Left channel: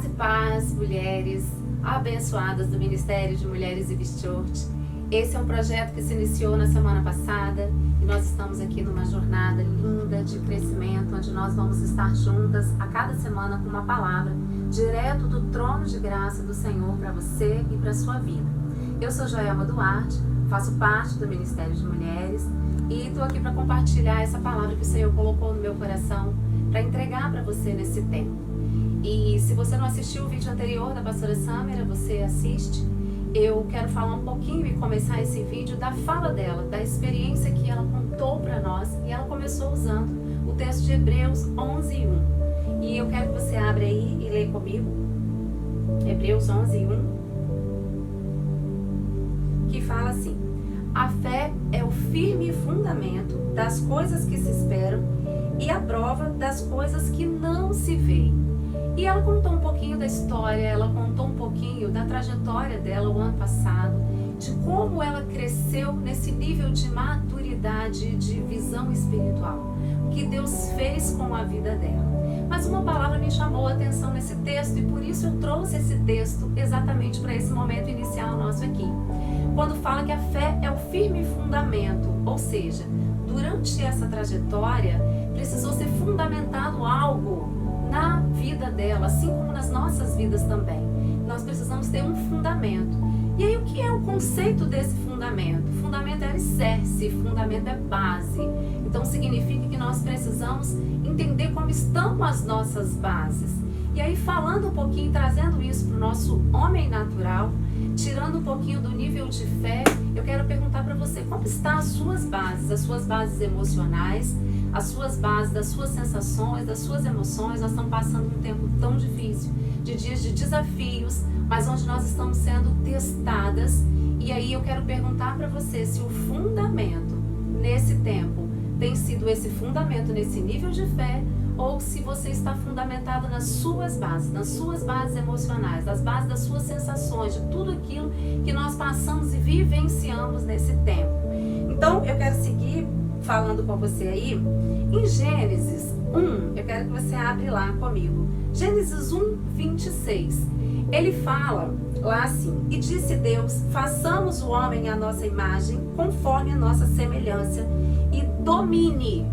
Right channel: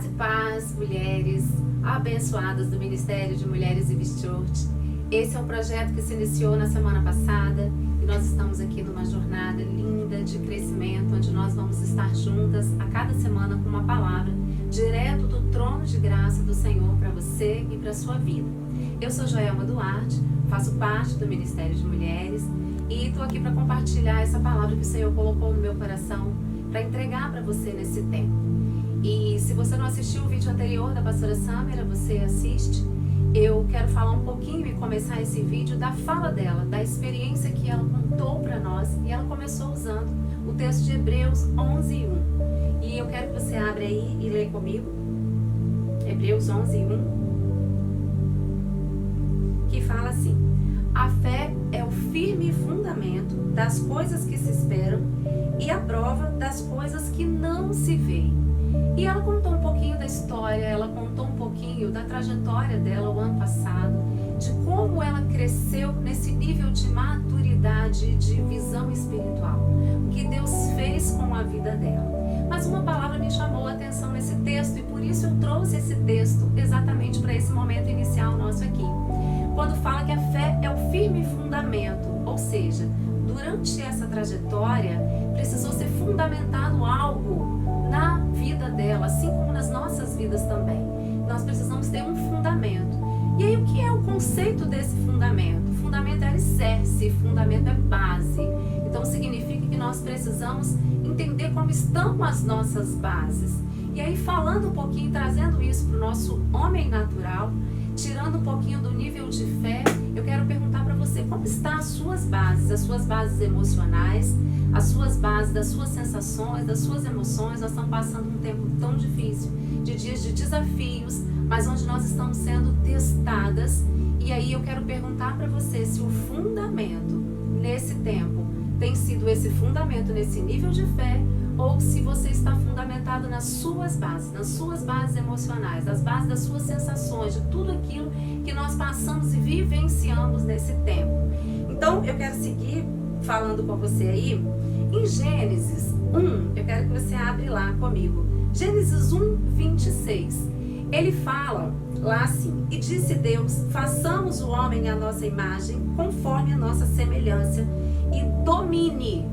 Graça e paz, mulheres abençoadas do Ministério de Mulheres e Church. Esse é um projeto que se iniciou na semana passada e nós estamos aqui numa jornada linda de crescimento, onde nós vamos estar juntas a cada semana com uma palavra direto do trono de graça do Senhor para você e para a sua vida. Eu sou Joelma Duarte, faço parte do Ministério de Mulheres e estou aqui para compartilhar essa palavra que o Senhor colocou no meu coração para entregar para você nesse tempo. E se você não assistiu o vídeo anterior da pastora Samira, você assiste. Eu quero falar um pouquinho e começar esse vídeo da fala dela, da experiência que ela contou para nós. E ela começou usando o texto de Hebreus 11:1. E eu quero que você abra aí e leia comigo. Hebreus 11:1. Que fala assim: a fé é o firme fundamento das coisas que se esperam e a prova das coisas que não se veem. E ela contou um pouquinho da história, ela contou um pouquinho da trajetória dela o ano passado, de como ela cresceu nesse nível de maturidade, de visão espiritual, o que Deus fez com a vida dela. Mas uma palavra me chamou a atenção nesse texto e por isso eu trouxe esse texto exatamente para esse momento inicial nosso aqui. Quando fala que a fé é o firme fundamento, ou seja, durante essa trajetória precisou ser fundamentado algo na vida dela, assim como nas nossas vidas também. Nós precisamos ter um fundamento. E aí o que é o conceito desse fundamento? Fundamento é alicerce, fundamento é base. Então significa que nós precisamos entender como estão as nossas bases. E aí falando um pouquinho, trazendo isso para o nosso homem natural, tirando um pouquinho do nível de fé, eu quero perguntar para você, como estão as suas bases emocionais, as suas bases das suas sensações, das suas emoções. Nós estamos passando um tempo tão difícil, de dias de desafios, mas onde nós estamos sendo testadas. E aí eu quero perguntar para você se o fundamento nesse tempo tem sido esse fundamento nesse nível de fé, ou se você está fundamentado nas suas bases emocionais, nas bases das suas sensações, de tudo aquilo que nós passamos e vivenciamos nesse tempo. Então eu quero seguir falando com você aí. Em Gênesis 1, eu quero que você abra lá comigo. Gênesis 1:26. Ele fala lá assim: e disse Deus, façamos o homem à nossa imagem, conforme a nossa semelhança, e domine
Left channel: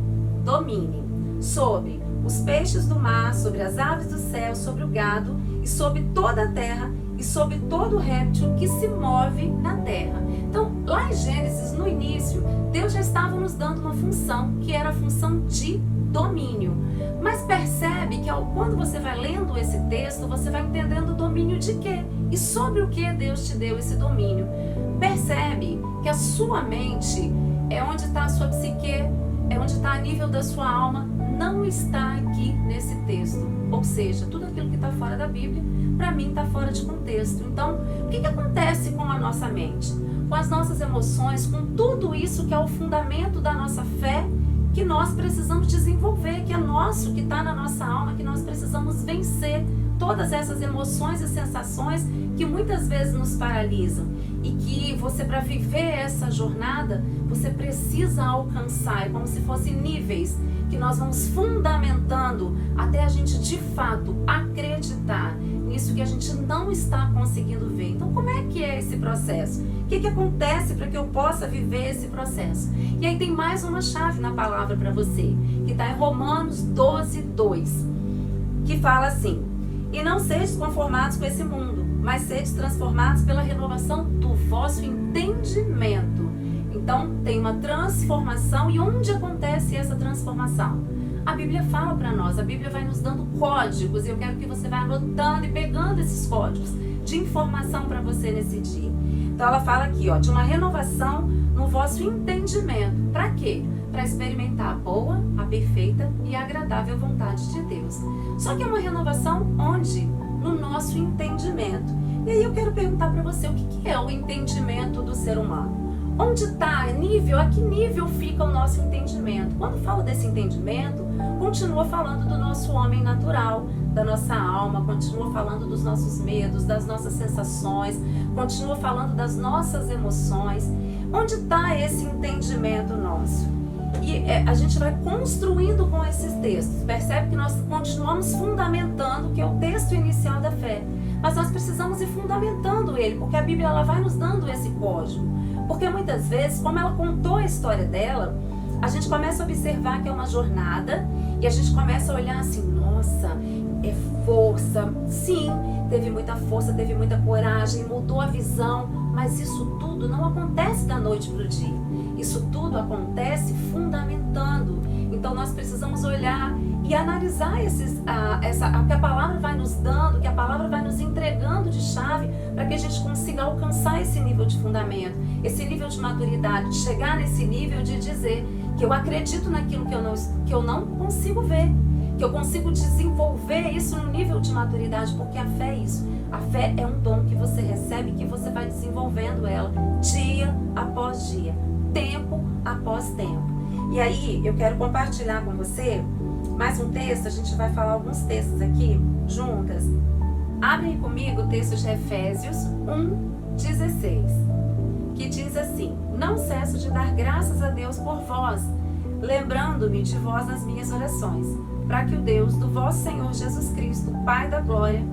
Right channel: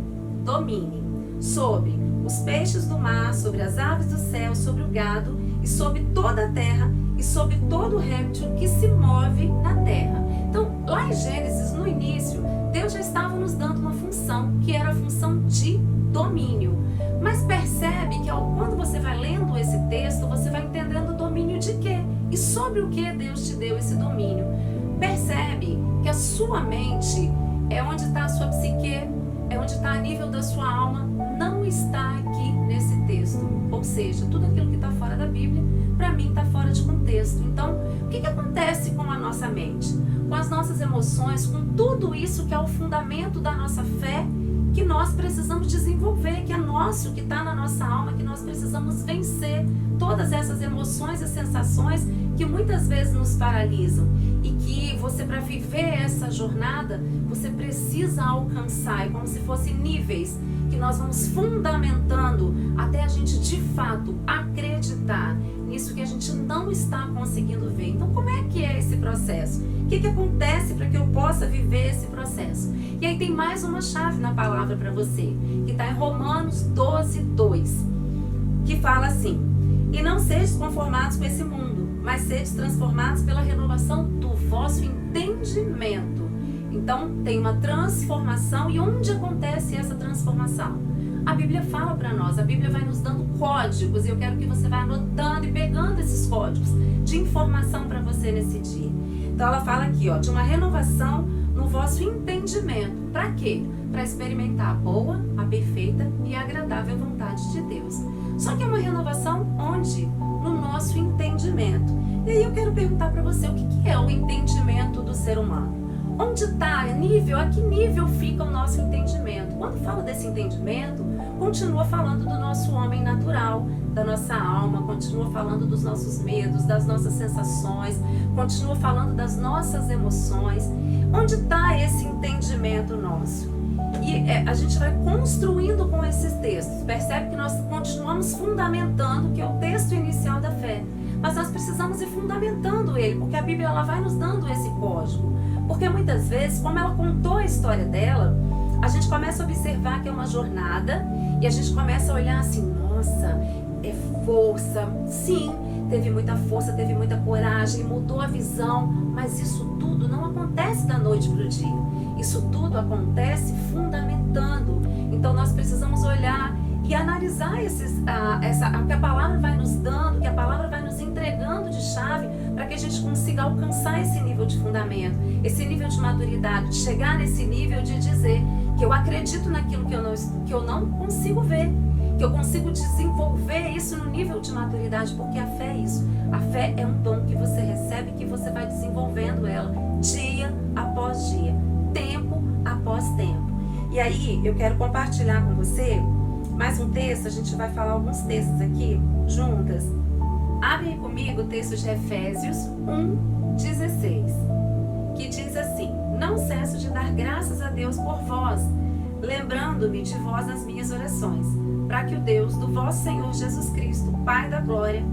sobre os peixes do mar, sobre as aves do céu, sobre o gado, e sobre toda a terra, e sobre todo réptil que se move na terra. Então, lá em Gênesis, no início, Deus já estava nos dando uma função, que era a função de domínio. Mas percebe que quando você vai lendo esse texto, você vai entendendo o domínio de quê? E sobre o que Deus te deu esse domínio. Percebe que a sua mente é onde está a sua psique, é onde está a nível da sua alma, não está aqui nesse texto. Ou seja, tudo aquilo que está fora da Bíblia, para mim está fora de contexto. Então, o que acontece com a nossa mente? Com as nossas emoções, com tudo isso que é o fundamento da nossa fé, que nós precisamos desenvolver, que é nosso, que está na nossa alma, que nós precisamos vencer todas essas emoções e sensações que muitas vezes nos paralisam. E que você, para viver essa jornada, você precisa alcançar, é como se fossem níveis que nós vamos fundamentando até a gente de fato acreditar nisso que a gente não está conseguindo ver. Então, como é que é esse processo? O que acontece para que eu possa viver esse processo? E aí tem mais uma chave na palavra para você, que está em Romanos 12:2, que fala assim: e não sejais conformados com esse mundo, mas sejais transformados pela renovação do vosso entendimento. Então, tem uma transformação. E onde acontece essa transformação? A Bíblia fala para nós, a Bíblia vai nos dando códigos, e eu quero que você vá anotando e pegando esses códigos de informação para você nesse dia. Então, ela fala aqui, de uma renovação no vosso entendimento. Para quê? Para experimentar a boa, a perfeita e a agradável vontade de Deus. Só que é uma renovação onde? No nosso entendimento. E aí eu quero perguntar para você, o que é o entendimento do ser humano? Onde está? A que nível fica o nosso entendimento? Quando fala desse entendimento, continua falando do nosso homem natural, da nossa alma, continua falando dos nossos medos, das nossas sensações, continua falando das nossas emoções. Onde está esse entendimento nosso? E a gente vai construindo com esses textos. Percebe que nós continuamos fundamentando, que é o texto inicial da fé. Mas nós precisamos ir fundamentando ele, porque a Bíblia ela vai nos dando esse código. Porque muitas vezes, como ela contou a história dela, a gente começa a observar que é uma jornada e a gente começa a olhar assim, nossa, é força. Sim, teve muita força, teve muita coragem, mudou a visão, mas isso tudo não acontece da noite para o dia. Isso tudo acontece fundamentando. Então nós precisamos olhar e analisar o que a palavra vai nos dando, que a palavra vai nos entregando de chave para que a gente consiga alcançar esse nível de fundamento, esse nível de maturidade, de chegar nesse nível de dizer que eu acredito naquilo que eu não consigo ver, que eu consigo desenvolver isso no nível de maturidade, porque a fé é isso. A fé é um dom que você recebe, que você vai desenvolvendo ela dia após dia, tempo após tempo. E aí eu quero compartilhar com você mais um texto. A gente vai falar alguns textos aqui juntas. Abre aí comigo o texto de Efésios 1:16, que diz assim: não cesso de dar graças a Deus por vós, lembrando-me de vós nas minhas orações, para que o Deus do vosso Senhor Jesus Cristo, Pai da glória,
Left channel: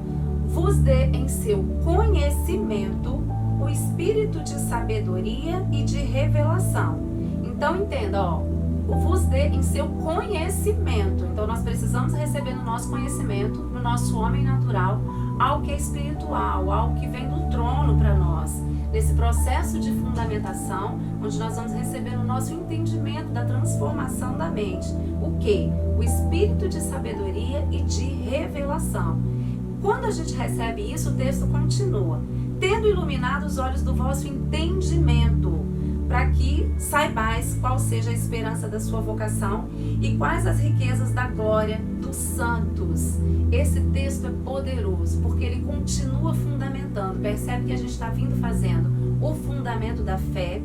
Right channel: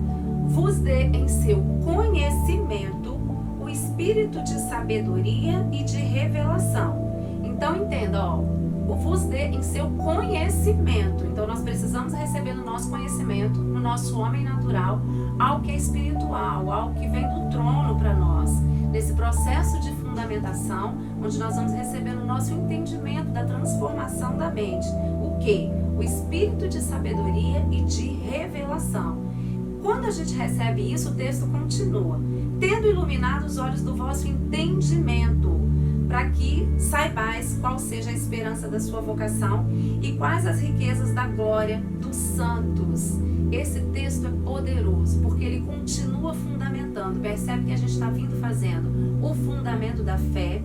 vos dê em seu conhecimento o espírito de sabedoria e de revelação. Então entenda, o vos dê em seu conhecimento. Então nós precisamos receber no nosso conhecimento, no nosso homem natural, algo que é espiritual, algo que vem do trono para nós. Nesse processo de fundamentação, onde nós vamos receber no nosso entendimento da transformação da mente. O quê? O espírito de sabedoria e de revelação. Quando a gente recebe isso, o texto continua: tendo iluminado os olhos do vosso entendimento, para que saibais qual seja a esperança da sua vocação e quais as riquezas da glória dos santos. Esse texto é poderoso, porque ele continua fundamentando. Percebe que a gente está vindo fazendo o fundamento da fé,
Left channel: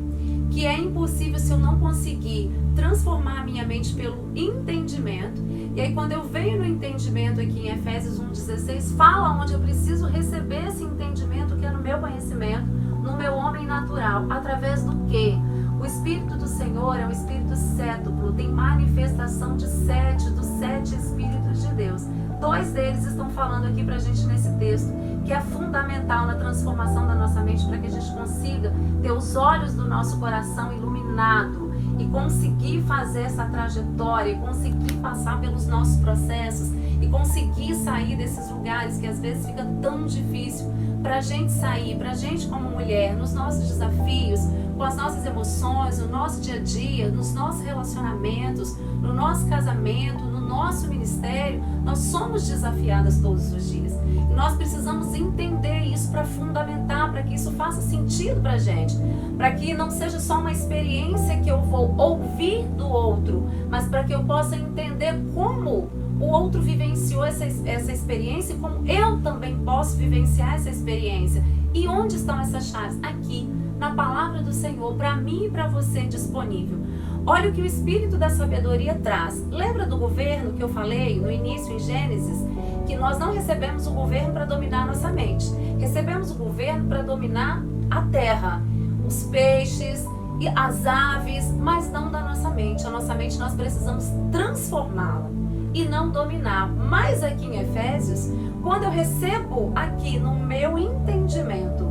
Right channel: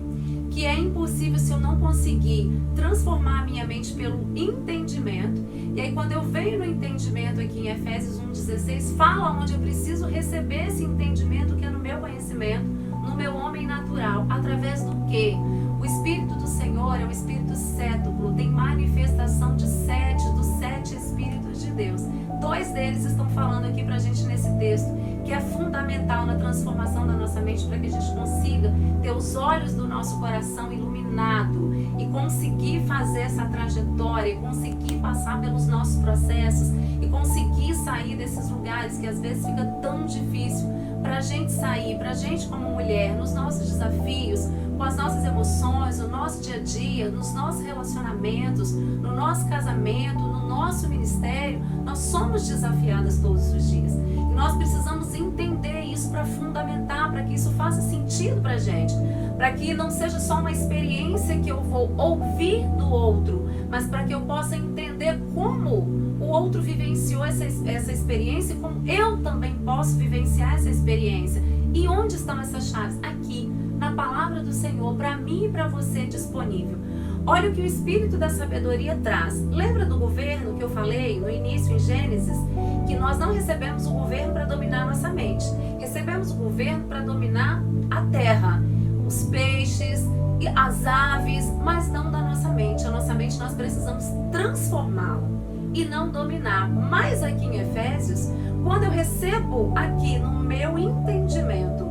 que é impossível se eu não conseguir transformar a minha mente pelo entendimento. E aí quando eu venho no entendimento aqui em Efésios 1:16, fala onde eu preciso receber esse entendimento, que é no meu conhecimento, no meu homem natural, através do quê? O Espírito do Senhor é um Espírito cétuplo, tem manifestação de dos 7 Espíritos de Deus. 2 deles estão falando aqui pra gente nesse texto, que é fundamental na transformação da nossa mente, para que a gente consiga ter os olhos do nosso coração iluminado e conseguir fazer essa trajetória, e conseguir passar pelos nossos processos e conseguir sair desses lugares que às vezes fica tão difícil para a gente sair, para a gente como mulher, nos nossos desafios, com as nossas emoções, no nosso dia a dia, nos nossos relacionamentos, no nosso casamento, no nosso ministério. Nós somos desafiadas todos os dias. E nós precisamos entender isso para fundamentar, para que isso faça sentido para a gente. Para que não seja só uma experiência que eu vou ouvir do outro, mas para que eu possa entender como o outro vivenciou essa experiência e como eu também posso vivenciar essa experiência. E onde estão essas chaves? Aqui, na palavra do Senhor, para mim e para você disponível. Olha o que o Espírito da Sabedoria traz. Lembra do governo que eu falei no início em Gênesis? Que nós não recebemos o governo para dominar a nossa mente. Recebemos o governo para dominar a terra, os peixes e as aves, mas não da nossa mente. A nossa mente nós precisamos transformá-la e não dominar. Mas aqui em Efésios, quando eu recebo aqui no meu entendimento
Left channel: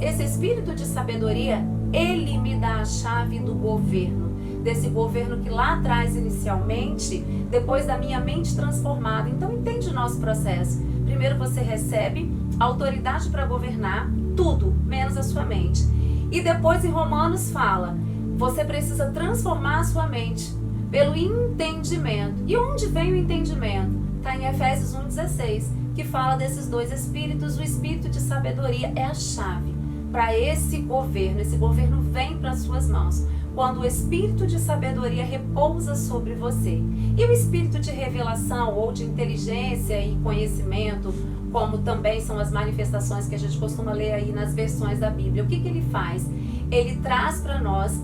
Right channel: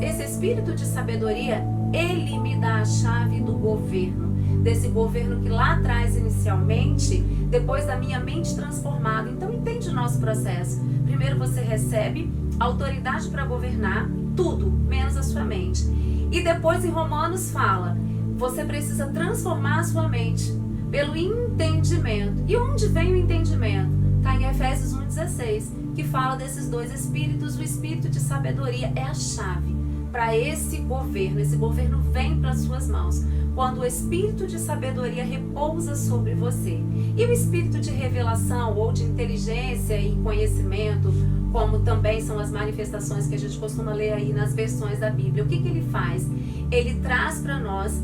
esse espírito de sabedoria, ele me dá a chave do governo, desse governo que lá atrás inicialmente, depois da minha mente transformada. Então entende o nosso processo. Primeiro você recebe autoridade para governar tudo, menos a sua mente. E depois em Romanos fala, você precisa transformar a sua mente pelo entendimento. E onde vem o entendimento? Está em Efésios 1:16, que fala desses 2 espíritos. O espírito de sabedoria é a chave para esse governo. Esse governo vem para as suas mãos quando o espírito de sabedoria repousa sobre você. E o espírito de revelação ou de inteligência e conhecimento, como também são as manifestações que a gente costuma ler aí nas versões da Bíblia. O que ele faz? Ele traz para nós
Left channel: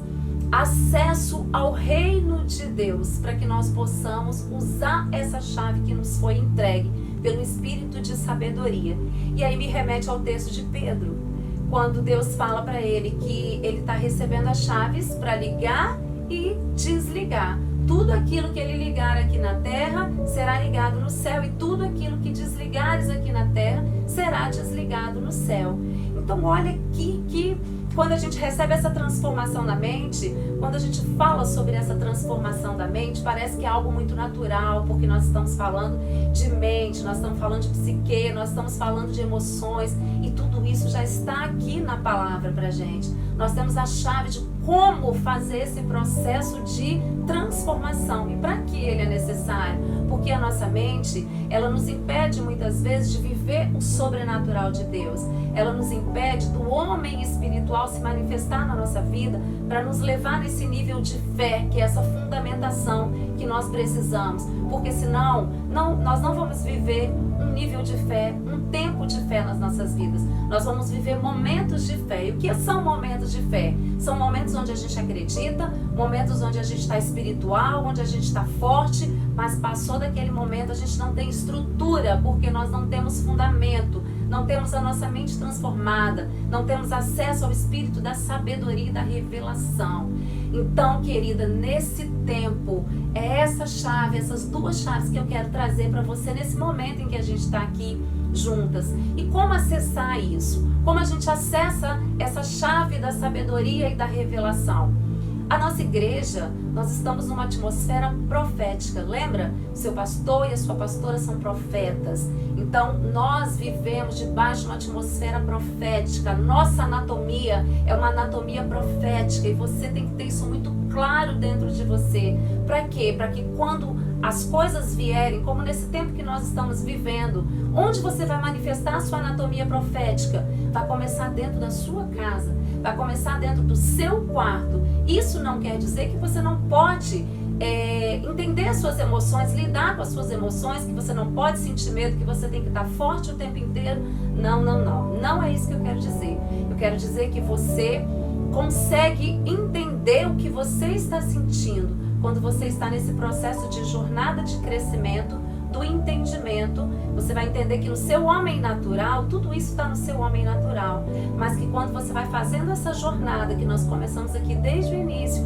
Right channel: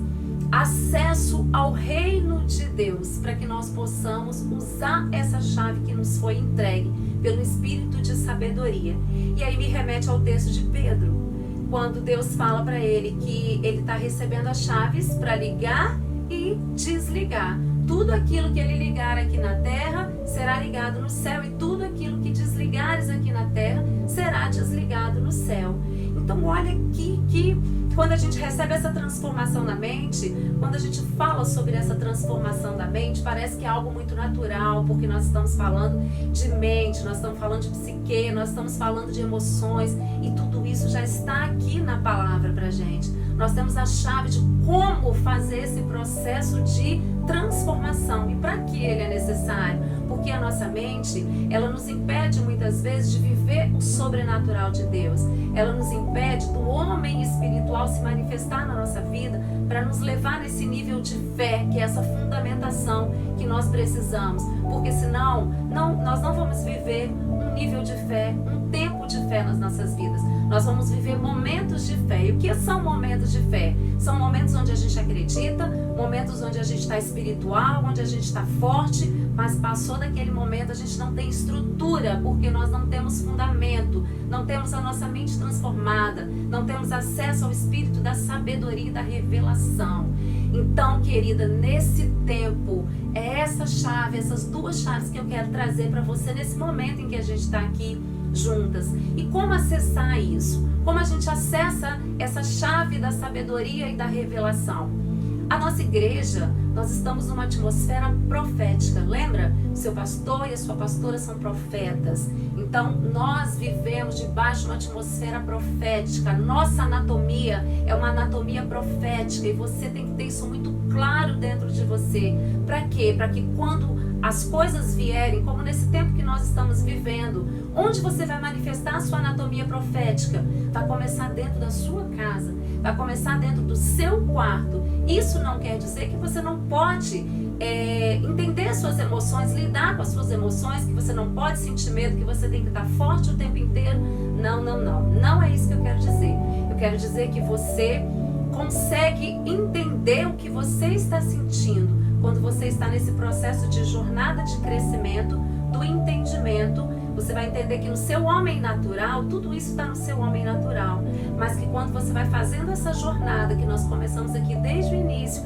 acesso ao reino de Deus, para que nós possamos usar essa chave que nos foi entregue pelo Espírito de sabedoria. E aí me remete ao texto de Pedro, quando Deus fala para ele que ele está recebendo as chaves para ligar e desligar. Tudo aquilo que ele ligar aqui na terra será ligado no céu, e tudo aquilo que desligares aqui na terra será desligado no céu. Então olha aqui que quando a gente recebe essa transformação na mente, quando a gente fala sobre essa transformação da mente, parece que é algo muito natural, porque nós estamos falando de mente, nós estamos falando de psique, nós estamos falando de emoções, e tudo isso já está aqui na palavra pra gente. Nós temos a chave de como fazer esse processo de transformação. E para que ele é necessário? Porque a nossa mente, ela nos impede muitas vezes de viver o sobrenatural de Deus. Ela nos impede do homem espiritual se manifestar na nossa vida para nos levar nesse nível de fé, que é essa fundamentação que nós precisamos. Porque senão, nós não vamos viver um nível de fé, um tempo de fé nas nossas vidas. Nós vamos viver momentos de fé. E o que são momentos de fé? São momentos onde a gente acredita, momentos onde a gente está espiritual, onde a gente está forte, mas passou daquele momento a gente não tem estrutura, porque nós não temos fundamento, não temos a nossa mente transformada, não temos acesso ao espírito da sabedoria e da revelação. Então, querida, nesse tempo, é essa chave, essas duas chaves que eu quero trazer para você nesse momento em que a gente está aqui juntas. E como acessar isso? Como a gente acessa essa chave da sabedoria e da revelação? A nossa igreja, nós estamos numa atmosfera profética, lembra? O seu pastor e a sua pastora são profetas. Então, nós vivemos debaixo de uma atmosfera profética. Nossa anatomia é uma anatomia profética e você tem que ter isso muito claro dentro de você. Para quê? Para que quando as coisas vierem, como nesse tempo que nós estamos vivendo, onde você vai manifestar a sua anatomia profética? Vai começar dentro da sua casa, vai começar dentro do seu quarto. Isso não quer dizer que você não pode entender suas emoções, lidar com as suas emoções, que você não pode sentir medo, que você tem que estar forte o tempo inteiro. Não, não, não. Não é isso que eu quero dizer. Eu quero dizer que você consegue entender o que você está sentindo quando você está nesse processo de jornada de crescimento, do entendimento. Você vai entender que no seu homem natural, tudo isso está no seu homem natural, mas que quando você vai fazendo essa jornada que nós começamos aqui desde o início,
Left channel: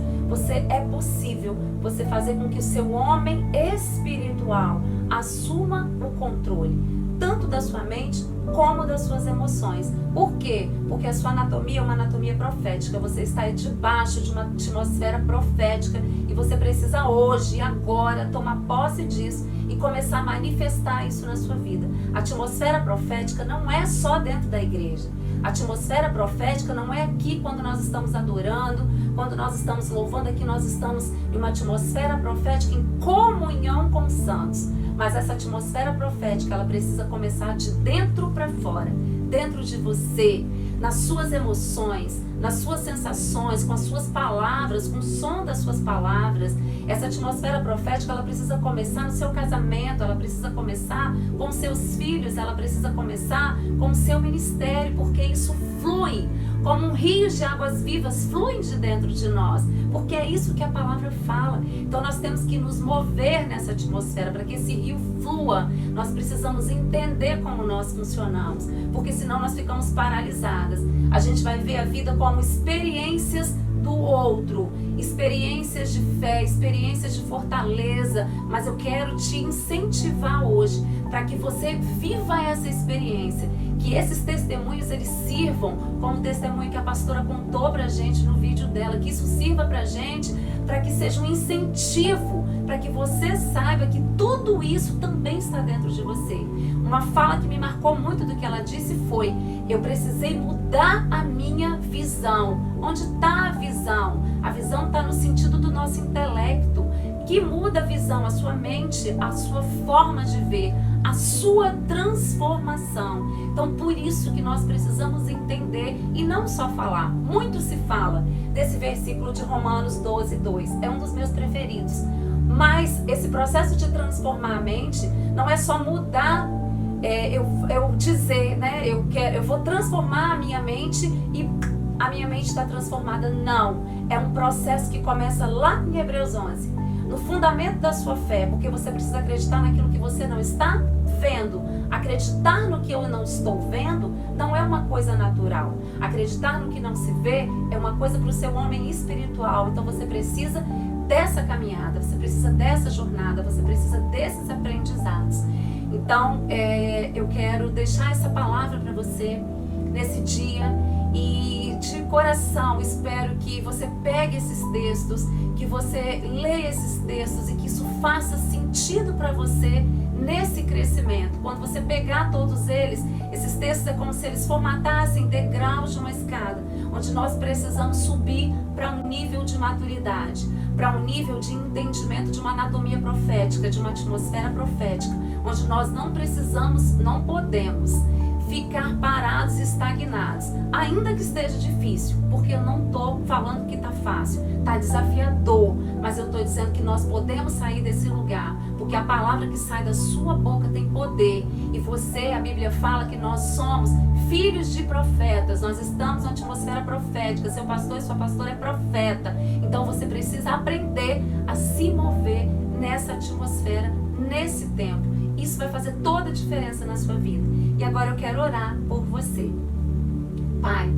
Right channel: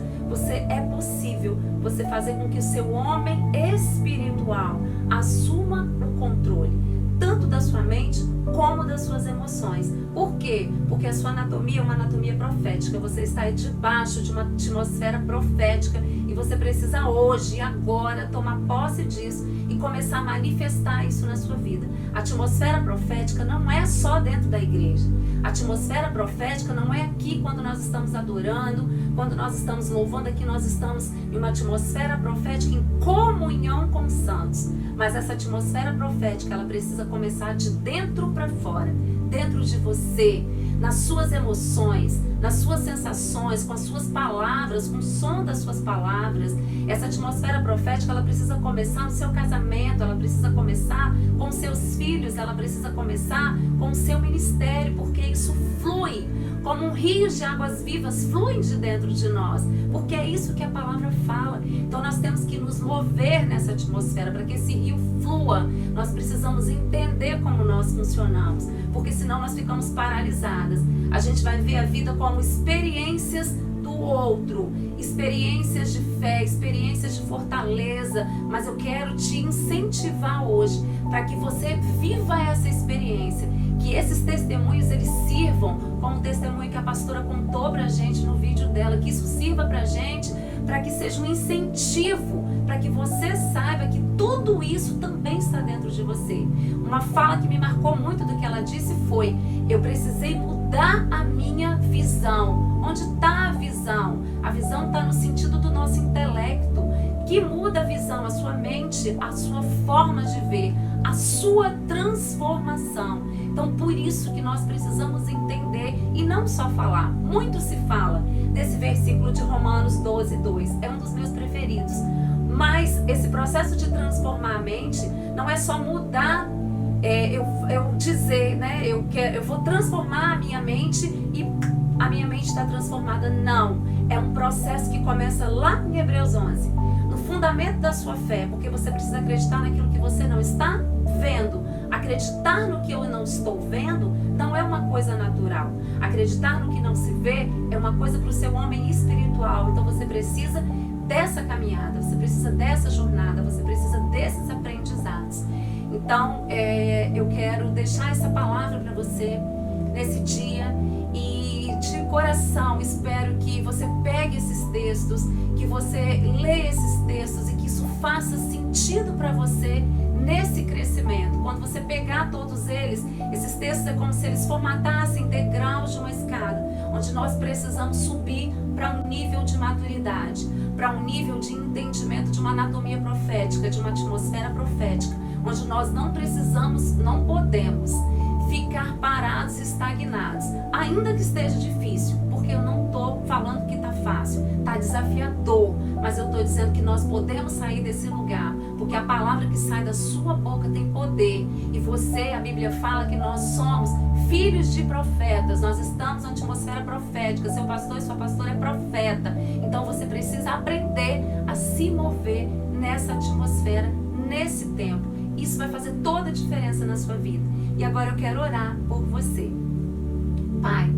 é possível você fazer com que o seu homem espiritual assuma o controle, tanto da sua mente como das suas emoções. Por quê? Porque a sua anatomia é uma anatomia profética. Você está debaixo de uma atmosfera profética e você precisa hoje, agora, tomar posse disso e começar a manifestar isso na sua vida. A atmosfera profética não é só dentro da igreja. A atmosfera profética não é aqui quando nós estamos adorando, quando nós estamos louvando. Aqui nós estamos em uma atmosfera profética em comunhão com os santos. Mas essa atmosfera profética, ela precisa começar de dentro para fora, dentro de você, nas suas emoções, nas suas sensações, com as suas palavras, com o som das suas palavras. Essa atmosfera profética, ela precisa começar no seu casamento, ela precisa começar com os seus filhos, ela precisa começar com o seu ministério, porque isso flui como um rio de águas vivas, flui de dentro de nós, porque é isso que a palavra fala. Então nós temos que nos mover nessa atmosfera para que esse rio flua. Nós precisamos entender como nós funcionamos, porque senão nós ficamos paralisadas. A gente vai ver a vida como experiências do outro, experiências de fé, experiências de fortaleza, mas eu quero te incentivar hoje para que você viva essa experiência, que esses testemunhos eles sirvam como o testemunho que a pastora contou pra gente no vídeo dela, que isso sirva pra gente, para que seja um incentivo, para que você saiba que tudo isso também está dentro de você. Uma fala que me marcou muito do que ela disse foi: eu precisei mudar a minha visão. Onde está a visão? A visão está no sentido do nosso intelecto, que muda a visão, a sua mente, a sua forma de ver, a sua transformação. Então, por isso que nós precisamos entender e não só falar. Muito se fala desse versículo de Romanos 12:2. É um dos meus preferidos. Mas esse processo de transformar a mente não é só mudar, eu dizer, né? Eu vou transformar a minha mente e a minha mente está transformada. Não. É um processo que começa lá em Hebreus 11. No fundamento da sua fé, porque você precisa acreditar naquilo que você não está vendo. Acreditar no que eu não estou vendo não é uma coisa natural. Acreditar no que não se vê é uma coisa para o seu homem espiritual. Então você precisa dessa caminhada, você precisa dessa jornada, você precisa desses aprendizados. Então eu quero deixar essa palavra para você nesse dia e de coração espero que você pegue esses textos, que você leia esses textos e que isso faça sentido para você nesse crescimento. Quando você pegar todos eles, esses textos é como se eles formatassem degraus de uma escada, onde nós precisamos subir para um nível de maturidade, para um nível de entendimento de uma anatomia profética, de uma atmosfera profética, onde nós não precisamos, não podemos ficar parados e estagnados, ainda que esteja difícil, porque eu não estou falando que está fácil, está desafiador, mas eu estou dizendo que nós podemos sair desse lugar, porque a palavra que sai da sua boca tem poder, e você, a Bíblia fala que nós somos filhos de profetas, nós estamos na atmosfera profética, seu pastor e sua pastora é profeta, então você precisa aprender a se mover nessa atmosfera, nesse tempo. Isso vai fazer toda a diferença na sua vida. E agora eu quero orar por você. Pai,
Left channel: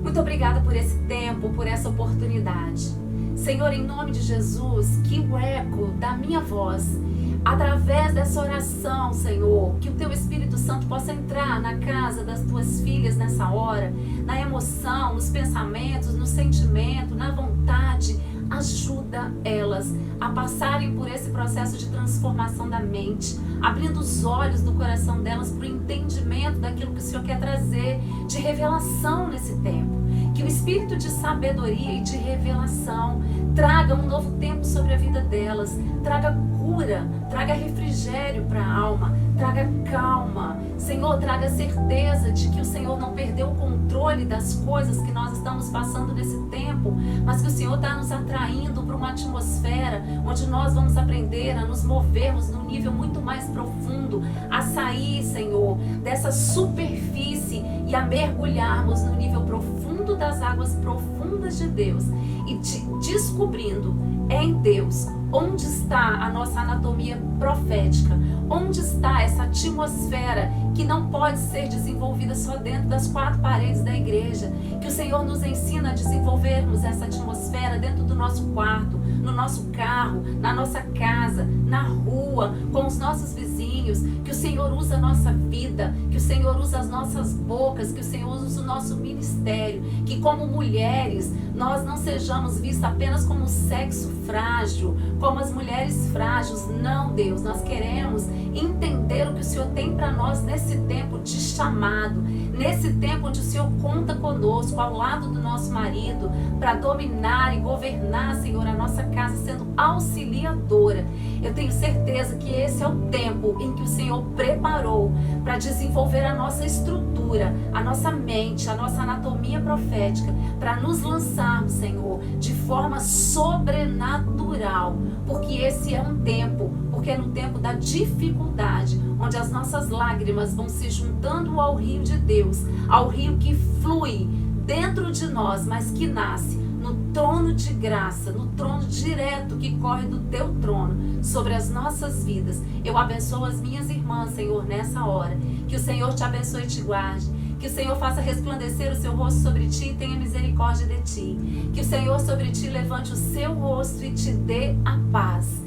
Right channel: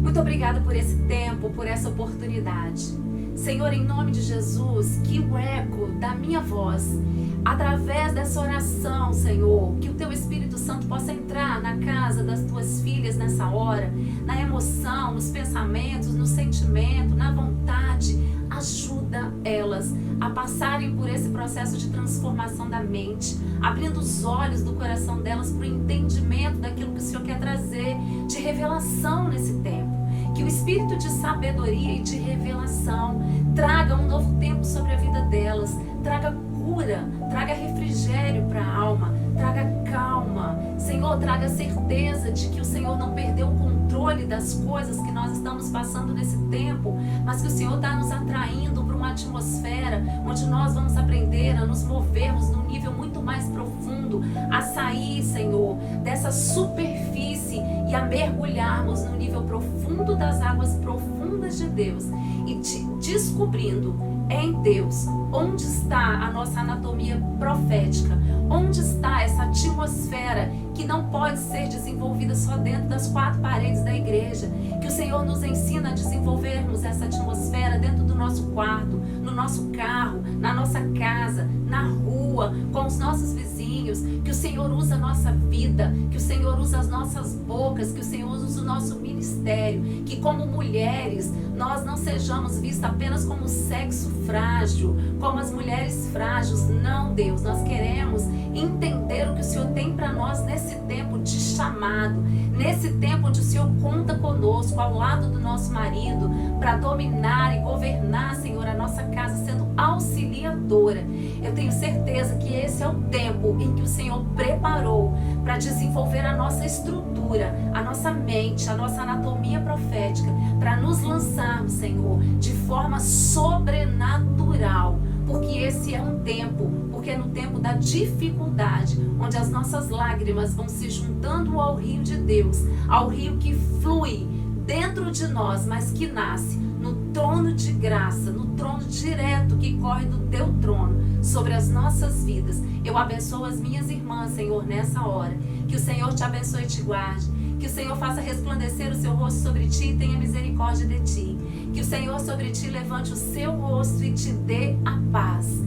muito obrigada por esse tempo, por essa oportunidade. Senhor, em nome de Jesus, que o eco da minha voz, através dessa oração, Senhor, que o Teu Espírito Santo possa entrar na casa das Tuas filhas nessa hora, na emoção, nos pensamentos, no sentimento, na vontade. Ajuda elas a passarem por esse processo de transformação da mente, abrindo os olhos do coração delas para o entendimento daquilo que o Senhor quer trazer de revelação nesse tempo. Que o espírito de sabedoria e de revelação traga um novo tempo sobre a vida delas, traga cura, traga refrigério para a alma, traga calma. Senhor, traga certeza de que o Senhor não perdeu o controle das coisas que nós estamos passando nesse tempo, mas que o Senhor está nos atraindo para uma atmosfera onde nós vamos aprender a nos movermos num nível muito mais profundo, a sair, Senhor, dessa superfície e a mergulharmos no nível profundo das águas profundas de Deus e descobrindo em Deus onde está a nossa anatomia profética, onde está essa atmosfera que não pode ser desenvolvida só dentro das quatro paredes da igreja, que o Senhor nos ensina a desenvolvermos essa atmosfera dentro do nosso quarto, no nosso carro, na nossa casa, na rua, com os nossos vizinhos, que o Senhor usa a nossa vida, que o Senhor usa as nossas bocas, que o Senhor usa o nosso ministério, que como mulheres nós não sejamos vistas apenas como sexo frágil, como as mulheres frágeis. Não, Deus, nós queremos entender o que o Senhor tem para nós nesse tempo de chamado, nesse tempo onde o Senhor conta conosco, ao lado do nosso marido, para dominar e governar, Senhor, a nossa casa, sendo auxiliadora. Eu tenho certeza que esse é o tempo em que o Senhor preparou para desenvolver a nossa estrutura, a nossa mente, a nossa anatomia profética, para nos lançarmos, Senhor, de forma sobrenatural, porque esse é um tempo, porque é no tempo da dificuldade, onde as nossas lágrimas vão se juntando ao rio de Deus, ao rio que flui dentro de nós, mas que nasce no trono de graça, no trono direto que corre do Teu trono sobre as nossas vidas. Eu abençoo as minhas irmãs, Senhor, nessa hora. Que o Senhor te abençoe e te guarde. Que o Senhor faça resplandecer o seu rosto sobre ti e tenha misericórdia de ti. Que o Senhor sobre ti levante o seu rosto e te dê a paz.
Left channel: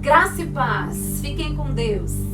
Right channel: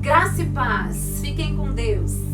Graça e paz. Fiquem com Deus.